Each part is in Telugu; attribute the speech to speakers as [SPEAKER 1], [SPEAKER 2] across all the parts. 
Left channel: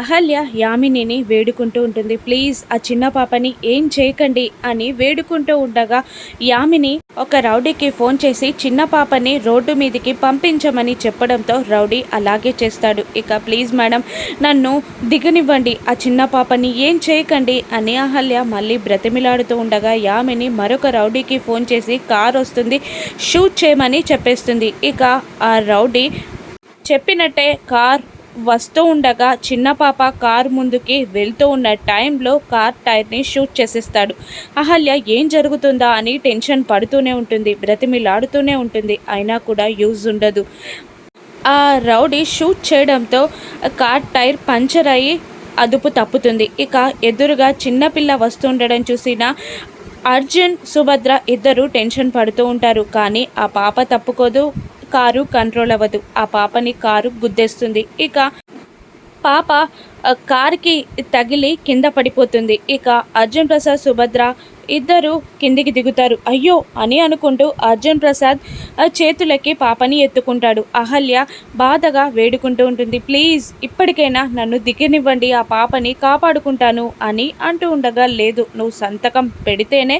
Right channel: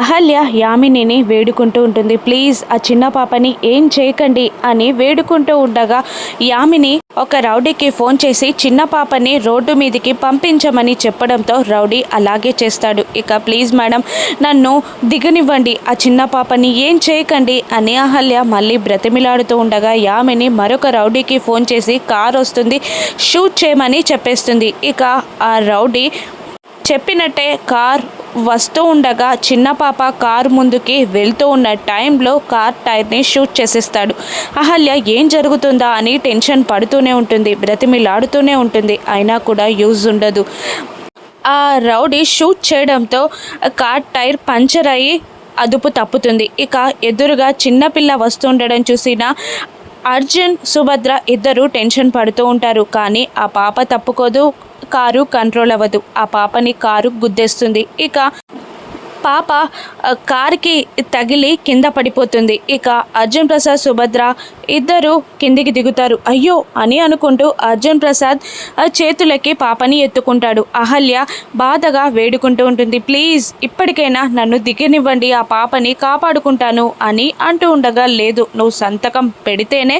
[SPEAKER 1] అహల్య యామినిని వేడుకుంటూ ఉంటుంది. ప్లీజ్ ఆ చిన్న పాపని ఏం చేయకండి అని వేడుకుంటూ ఉండగా యామిని ఒక రౌడీకి ఫోన్ చేసి చిన్న పాపని రోడ్డు మీదకి పంపించమని చెప్పడంతో రౌడీ అలాగే చేస్తాడు. ఇక ప్లీజ్ మేడం నన్ను దిగనివ్వండి. ఆ చిన్న పాపని ఏం చేయకండి అని అహల్య మళ్ళీ బ్రతిమిలాడుతూ ఉండగా యామిని మరొక రౌడీకి ఫోన్ చేసి కార్ వస్తుంది షూట్ చేయమని చెప్పేస్తుంది. ఇక ఆ రౌడీ చెప్పినట్టే కార్ వస్తూ ఉండగా చిన్న పాప కార్ ముందుకి వెళ్తూ ఉన్న టైంలో కార్ టైర్ని షూట్ చేసేస్తాడు. అహల్య ఏం జరుగుతుందా? అని టెన్షన్ పడుతూనే ఉంటుంది బ్రతిమిలాడుతూనే ఉంటుంది. అయినా కూడా యూజ్ ఉండదు. ఆ రౌడీ షూట్ చేయడంతో కార్ టైర్ పంచర్ అయ్యి అదుపు తప్పుతుంది. ఇక ఎదురుగా చిన్నపిల్ల వస్తుండడం చూసిన అర్జున్ సుభద్ర ఇద్దరు టెన్షన్ పడుతూ ఉంటారు. కానీ ఆ పాప తప్పుకోదు. కారు కంట్రోల్ అవ్వదు. ఆ పాపని కారు గుద్దేస్తుంది. ఇక పాప కారుకి తగిలి కింద పడిపోతుంది. ఇక అర్జున్ ప్రసాద్ సుభద్ర ఇద్దరు కిందికి దిగుతారు. అయ్యో! అని అనుకుంటూ అర్జున్ ప్రసాద్ చేతులకి పాపని ఎత్తుకుంటాడు. అహల్య బాధగా వేడుకుంటూ ఉంటుంది. ప్లీజ్ ఇప్పటికైనా నన్ను దిగనివ్వండి. ఆ పాపని కాపాడుకుంటాను అని అంటూ ఉండగా లేదు నువ్వు సంతకం పెడితేనే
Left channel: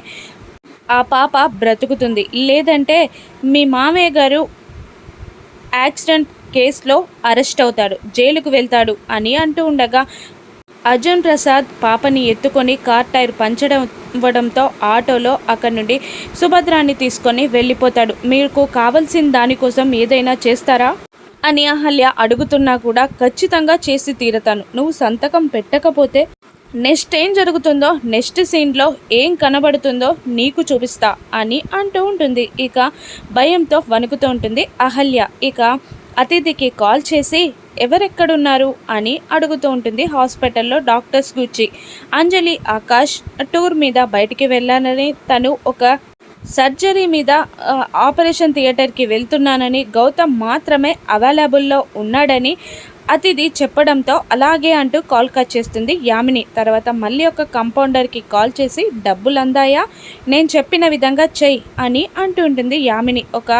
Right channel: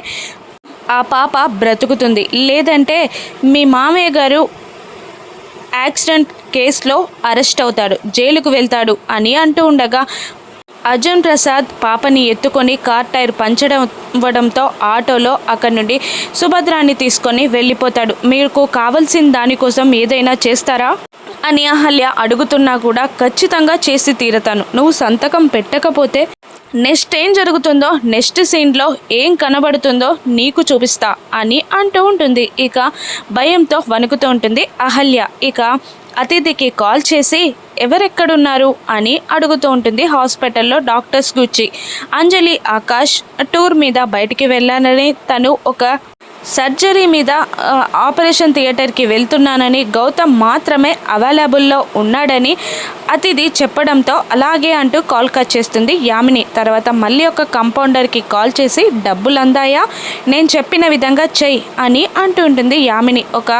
[SPEAKER 1] ఆ పాప బ్రతుకుతుంది. లేదంటే మీ మామయ్య గారు యాక్సిడెంట్ కేసులో అరెస్ట్ అవుతాడు జైలుకు వెళ్తాడు అని అంటూ ఉండగా అర్జున్ ప్రసాద్ పాపని ఎత్తుకొని కార్ టైర్ పంచడం ఇవ్వడంతో ఆటోలో అక్కడి నుండి సుభద్రాన్ని తీసుకొని వెళ్ళిపోతాడు. మీకు కావలసిన దానికోసం ఏదైనా చేస్తారా? అని అహల్య అడుగుతున్నా కూడా ఖచ్చితంగా చేసి తీరతాను. నువ్వు సంతకం పెట్టకపోతే నెక్స్ట్ ఏం జరుగుతుందో నెక్స్ట్ సీన్లో ఏం కనబడుతుందో నీకు చూపిస్తా అని అంటూ ఉంటుంది. ఇక భయంతో వణుకుతూ ఉంటుంది అహల్య. ఇక అతిథికి కాల్ చేసి ఎవరెక్కడున్నారు? అని అడుగుతూ ఉంటుంది హాస్పిటల్లో డాక్టర్స్ గుచ్చి అంజలి ఆకాష్ టూర్ మీద బయటికి వెళ్ళానని తను ఒక సర్జరీ మీద ఆపరేషన్ థియేటర్కి వెళ్తున్నానని గౌతమ్ మాత్రమే అవైలబుల్లో ఉన్నాడని అతిథి చెప్పడంతో అలాగే అంటూ కాల్ కట్ చేస్తుంది యామిని. తర్వాత మళ్ళీ ఒక కంపౌండర్కి కాల్ చేసి డబ్బులు అందాయా నేను చెప్పిన విధంగా చెయ్యి అని అంటుంటుంది యామిని. ఒక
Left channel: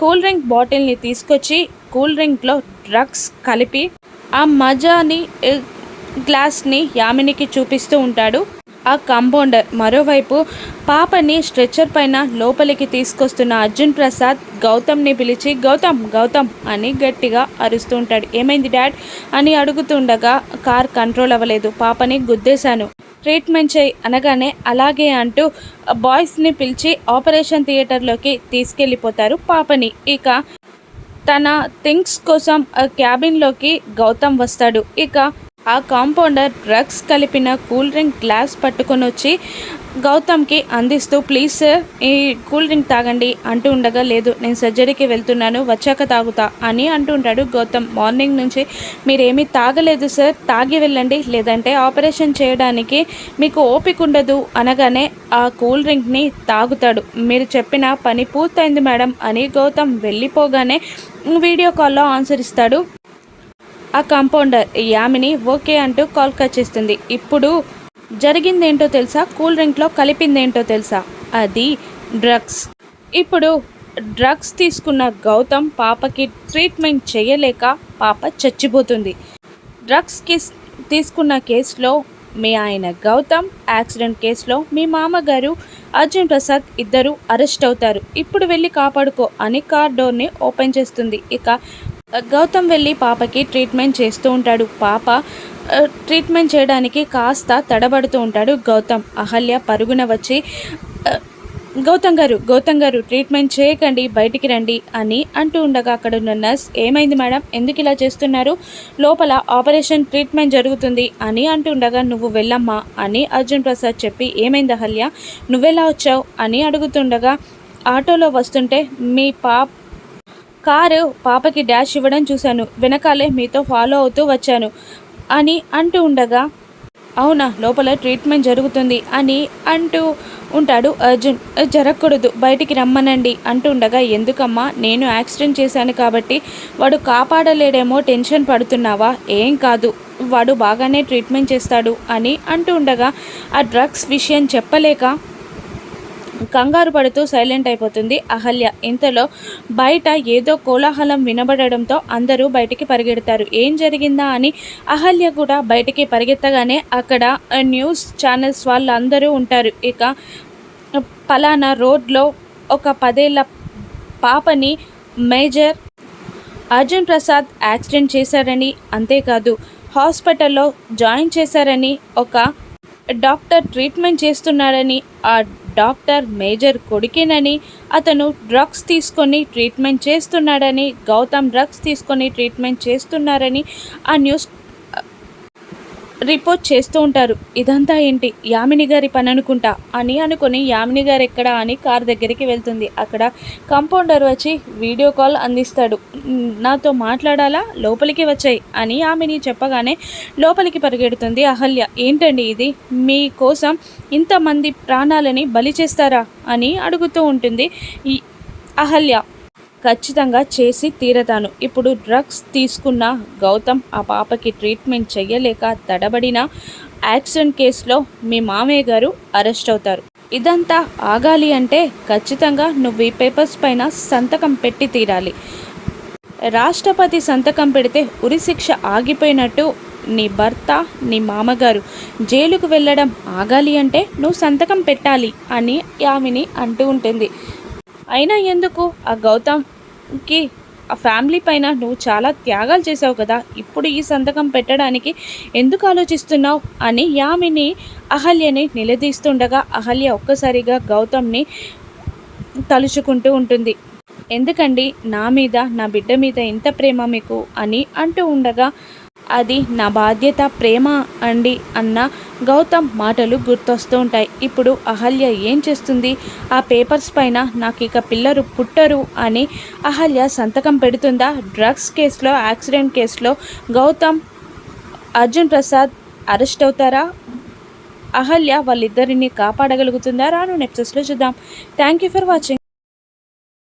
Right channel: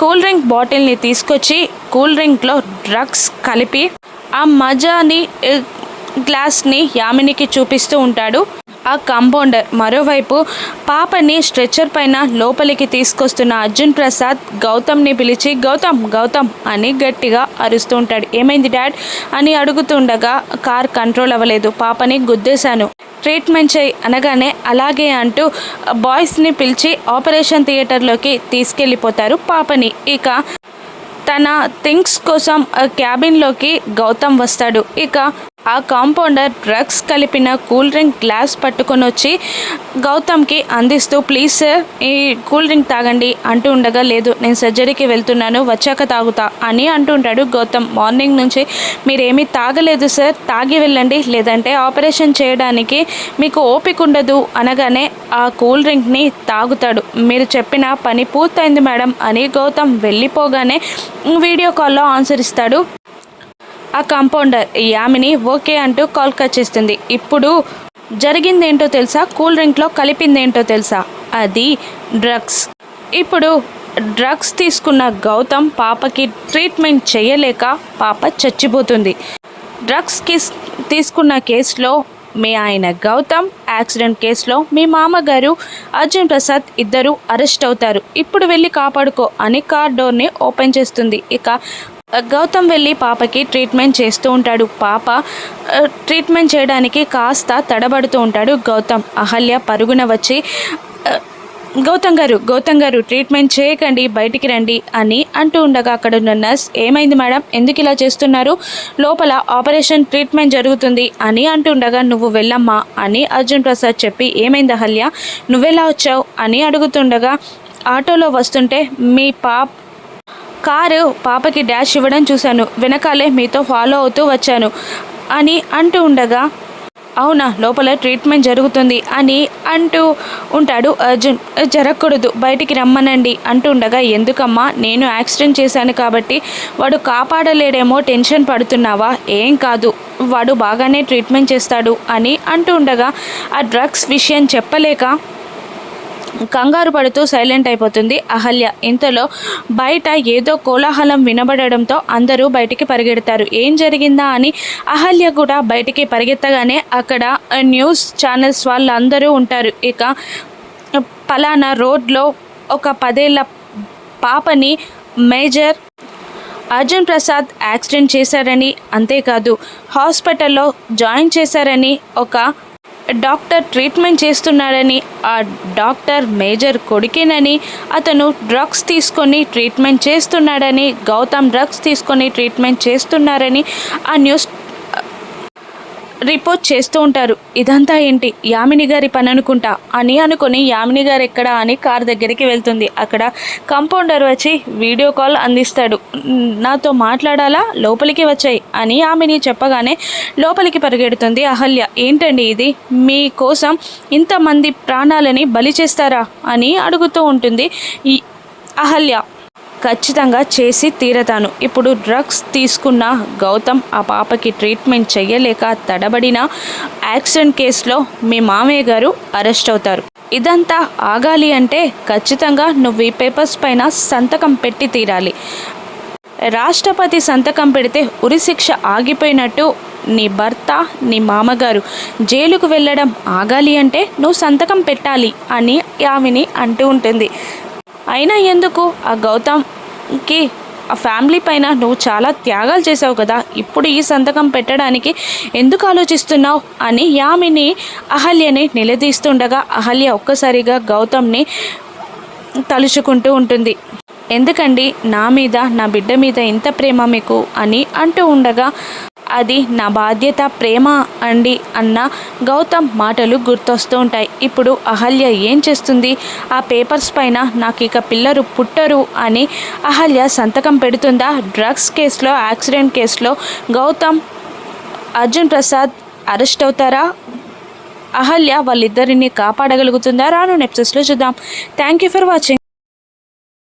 [SPEAKER 1] కూల్ డ్రింక్ బాటిల్ని తీసుకొచ్చి కూల్ డ్రింక్లో డ్రగ్స్ కలిపి ఆ మజాని గ్లాస్ని యామినికి చూపిస్తూ ఉంటాడు. ఆ కాంపౌండర్. మరోవైపు పాపని స్ట్రెచ్చర్ పైన లోపలికి తీసుకొస్తున్న అర్జున్ ప్రసాద్ గౌతమ్ని పిలిచి గౌతమ్ గౌతమ్ అని గట్టిగా అరుస్తూ ఉంటాడు. ఏమైంది డాడ్? అని అడుగుతుండగా కార్ కంట్రోల్ అవ్వలేదు. పాపని గుద్దేశాను. ట్రీట్మెంట్ చేయి అనగానే అలాగే అంటూ బాయ్స్ని పిలిచి ఆపరేషన్ థియేటర్లోకి తీసుకెళ్ళిపోతారు పాపని. ఇక తన థింగ్స్ కోసం క్యాబిన్లోకి గౌతమ్ వస్తాడు. ఇక ఆ కాంపౌండర్ డ్రగ్స్ కలిపిన కూల్ డ్రింక్ గ్లాస్ పట్టుకొని వచ్చి గౌతమ్కి అందిస్తూ ప్లీజ్ సార్ ఈ కూల్ డ్రింక్ తాగండి అంటూ ఉండగా లేదు నేను సర్జరీకి వెళ్తున్నాను వచ్చాక తాగుతా అని అంటుంటాడు గౌతమ్. మార్నింగ్ నుంచి మీరేమీ తాగలేదు సార్ తాగి వెళ్ళండి లేదంటే ఆపరేషన్ చేయడానికి మీకు ఓపిక ఉండదు అనగానే ఆ కూల్ డ్రింక్ని తాగుతాడు మీరు చెప్పిన పని పూర్తయింది మేడం అని గౌతమ్ వెళ్ళిపోగానే వీడియో కాల్లో ఆన్సర్ ఇస్తాడు. ఆ కాంపౌండర్ యామిని ఓకే అంటూ కాల్ కట్ చేస్తుంది. ఇప్పుడు జరిగిందేంటో తెలుసా? కూల్ డ్రింక్లో కలిపిందేంటో తెలుసా? అది డ్రగ్స్. ఇప్పుడు డ్రగ్స్ తీసుకున్న గౌతమ్ పాపకి ట్రీట్మెంట్ చేయలేక పాప చచ్చిపోతుంది. డ్రగ్స్ కేస్ తీసుకున్న కేసులో మీ ఆయన గౌతమ్ యాక్సిడెంట్ కేసులో మీ మామగారు అర్జున్ ప్రసాద్ ఇద్దరు అరెస్ట్ అవుతారు. ఇప్పుడు వెళ్ళి కాపాడుకో అని కార్ డోర్ని ఓపెన్ చేస్తుంది. ఇక గౌతమ్ వెళ్ళి పాపకి ట్రీట్మెంట్ చేస్తూ ఉంటాడు. పాప ట్రీట్మెంట్ చేయడానికి కాస్త తడబడుతూ ఉంటాడు గౌతమ్. అహల్య పరుగున వచ్చి గౌతమ్ గారు గౌతమ్ గారు ట్రీట్మెంట్ చేయకండి బయటికి రండి అని అంటూ ఉండగా అక్కడ ఉన్న నర్స్ ఏమైంది మేడం? ఎందుకు ఇలా చేస్తున్నారు? లోపల ఆపరేషన్ ట్రీట్మెంట్ జరుగుతుంది అని అంటుండగా నువ్వు వెళ్ళమ్మా అని అర్జున్ ప్రసాద్ చెప్పి ఏమైంది అహల్య? నువ్వెలా వచ్చావు? అని అడుగుతుండగా ఆటోలో వస్తుంటే మీ పాప కారు పాపకి డాష్ ఇవ్వడం చూశాను. వెనకాలే మీతో ఫాలో అవుతూ వచ్చాను అని అంటూ ఉండగా అవునా లోపల ట్రీట్మెంట్ జరుగుతుంది అని అంటూ ఉంటాడు అర్జున్. జరగకూడదు బయటికి రమ్మనండి అంటుండగా ఎందుకమ్మా నేను యాక్సిడెంట్ చేశాను కాబట్టి వాడు కాపాడలేడేమో టెన్షన్ పడుతున్నావా? ఏం కాదు వాడు బాగానే ట్రీట్మెంట్ చేస్తాడు అని అంటూ ఉండగా ఆ డ్రగ్స్ విషయం చెప్పలేక కంగారు పడుతూ సైలెంట్ అయిపోతుంది అహల్య. ఇంతలో బయట ఏదో కోలాహలం వినబడడంతో అందరూ బయటికి పరిగెడతారు. ఏం జరిగిందా అని అహల్య కూడా బయటికి పరిగెత్తగానే అక్కడ న్యూస్ ఛానల్స్ వాళ్ళందరూ ఉంటారు. ఇక పలానా రోడ్లో ఒక పదేళ్ళ పాపని మేజర్ అర్జున్ ప్రసాద్ యాక్సిడెంట్ చేశారని అంతేకాదు హాస్పిటల్లో జాయిన్ చేశారని ఒక డాక్టర్ ట్రీట్మెంట్ చేస్తున్నాడని ఆ డాక్టర్ మేజర్ కొడుకేనని అతను డ్రగ్స్ తీసుకొని ట్రీట్మెంట్ చేస్తున్నాడని గౌతమ్ డ్రగ్స్ తీసుకొని ట్రీట్మెంట్ చేస్తున్నారని ఆ న్యూస్ రిపోర్ట్ చేస్తూ ఉంటారు. ఇదంతా ఏంటి? యామిని గారి పని అనుకుంటా అని అనుకుని యామిని గారు ఎక్కడ అని కార్ దగ్గరికి వెళ్తుంది. అక్కడ కంపౌండర్ వచ్చి వీడియో కాల్ అందిస్తాడు. నాతో మాట్లాడాలా? లోపలికి వచ్చాయి అని యామిని చెప్పగానే లోపలికి పరిగెడుతుంది అహల్య. ఏంటండి ఇది? మీకోసం ఇంతమంది ప్రాణాలని బలి చేస్తారా? అని అడుగుతూ ఉంటుంది ఈ అహల్య. ఖచ్చితంగా చేసి తీరతాను. ఇప్పుడు డ్రగ్స్ తీసుకున్న గౌతమ్ ఆ పాపకి ట్రీట్మెంట్ చెయ్యలేక తడబడిన యాక్సిడెంట్ కేసులో మీ మామయ్య గారు అరెస్ట్ అవుతారు. ఇదంతా ఆగాలి అంటే ఖచ్చితంగా నువ్వు ఈ పేపర్స్ పైన సంతకం పెట్టి తీరాలి. రాష్ట్రపతి సంతకం పెడితే ఉరిశిక్ష ఆగిపోయినట్టు నీ భర్త నీ మామగారు జైలుకు వెళ్ళడం ఆగాలి అంటే నువ్వు సంతకం పెట్టాలి అని ఆమెని అంటూ ఉంటుంది. అయినా ఎందుకు? ఆ గౌతమ్కి ఆ ఫ్యామిలీ పైన నువ్వు చాలా త్యాగాలు చేసావు కదా. ఇప్పుడు ఈ సంతకం పెట్టడానికి ఎందుకు ఆలోచిస్తున్నావు? అని యామిని అహల్యని నిలదీస్తుండగా అహల్య ఒక్కసారిగా గౌతమ్ని తలుచుకుంటూ ఉంటుంది. ఎందుకండి నా మీద నా బిడ్డ మీద ఇంత ప్రేమ మీకు? అని అంటూ ఉండగా అది నా బాధ్యత ప్రేమ అండి అన్న గౌతమ్ మాటలు గుర్తొస్తూ ఉంటాయి. ఇప్పుడు అహల్య ఏం చేస్తుంది? ఆ పేపర్స్ పైన నాకు ఇక పిల్లలు పుట్టరు అని అహల్య సంతకం పెడుతుందా? డ్రగ్స్ కేసులో యాక్సిడెంట్ కేసులో గౌతమ్ అర్జున్ ప్రసాద్ అరెస్ట్ అవుతారా? అహల్య వాళ్ళిద్దరిని కాపాడగలుగుతుందా? రాను నెప్సెస్లో చూద్దాం. Thank you for watching.